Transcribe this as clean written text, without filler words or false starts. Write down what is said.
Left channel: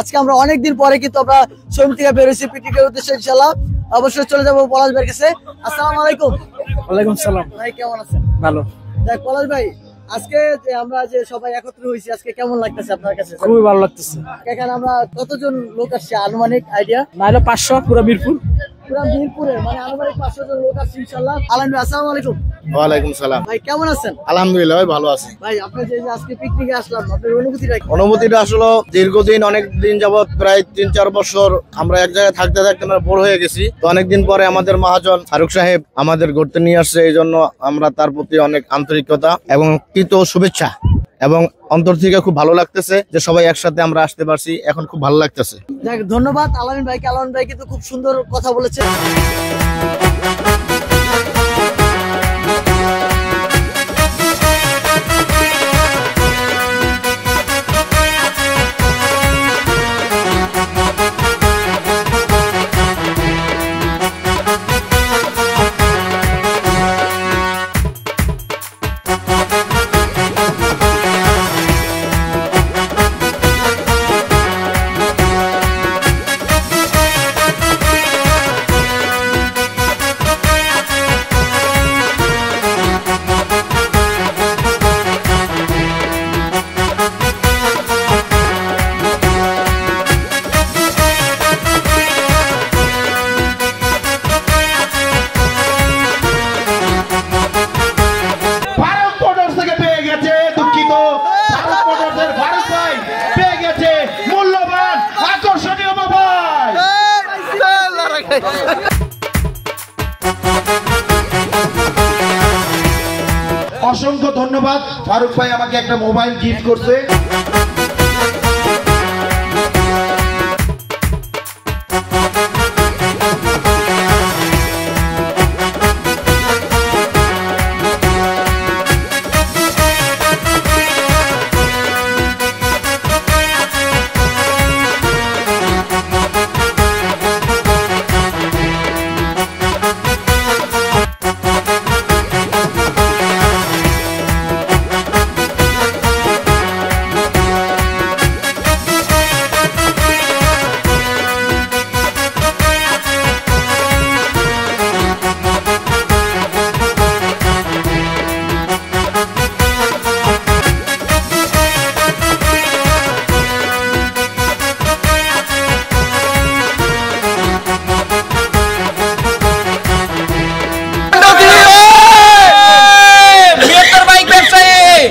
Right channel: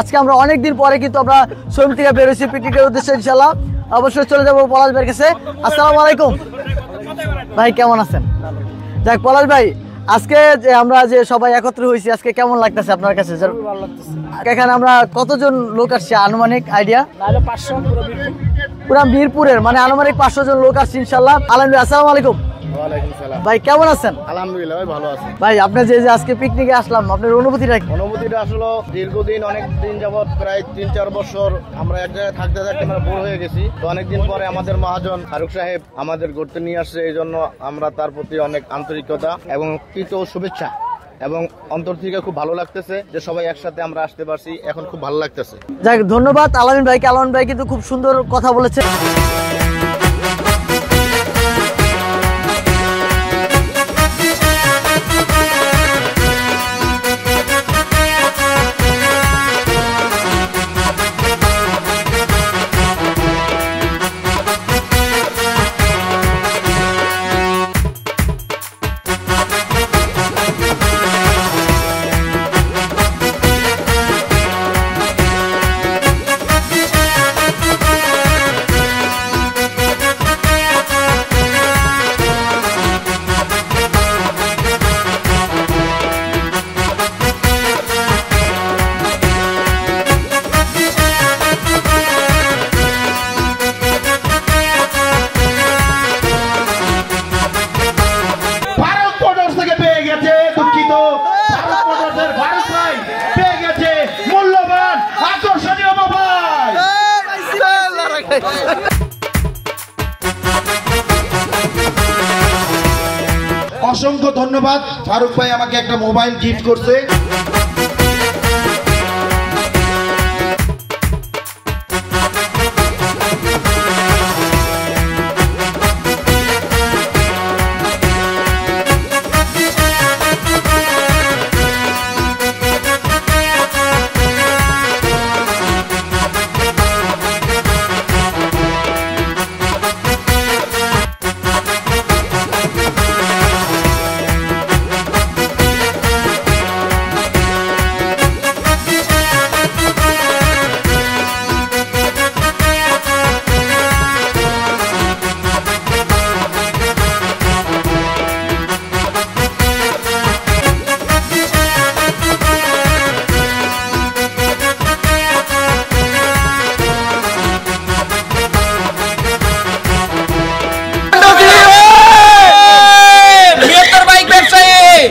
আজকে আমরা অনেকদিন পরে কিন্তু আমরা শোরুম থেকে বেরোছি পিকনিকের উদ্দেশ্যে ইনশাআল্লাহ। অবশ্যই চলে যাবো পলাশ ভাইয়ের কাছে। আসসালামু আলাইকুম। ওয়ালাইকুম সালাম। ভাই কেমন আছেন? ভালো। যাক পলাশ ভাই, আজকে যে আমরা যে সবাই একত্র হয়েছি আজকে কেমন লাগতেছে আপনার কাছে? খুবই ভালো লাগতেছে। এখানে আমরা কতজন লোক আসছে আনুমানিক আইডিয়া? নাইলে 500 পুরো মিরপুর। পুরা মিরপুরের মানে আনুমানিক 500 জন লোক আসছে ইনশাআল্লাহ। আলহামদুলিল্লাহ। আসসালামু আলাইকুম। ওয়ালাইকুম সালাম। ভাই কেমন আছেন? আলহামদুলিল্লাহ ভাই ভালো আছি। ভাই আপনি যে আজকে পিকনিকে আসলাম আপনার অনুভূতিটা কি? অনুভূতিটা আসলে দীর্ঘদিন অনেক দিন যাবত প্রায় 3-4 বছর আমরা এক জায়গায় থাকতে থাকতে আমরা বোর হয়ে গেছি। তো অনেকদিন পরে আমাদের মহাজন ফারুক সাহেব আমাদের ঘুরতে নিয়ে আসছে, এই জন্য আমরা তার প্রতি অনেক আন্তরিকতা এবং কৃত শুভেচ্ছা এবং অন্তর থেকে খুব ভালো লাগতেছে যে সবাই একসাথে আমরা আসতে পারছি, এখন খুব ভালো লাগতেছে। যাক ধন্যবাদ আলামিন ভাইকে। আলামিন ভাই কিন্তু খুব সুন্দর কথা বলেছে। অসংখ্য ধন্যবাদ। ফারুক ভাই আমাকে একটা মোবাইল গিফট করছে।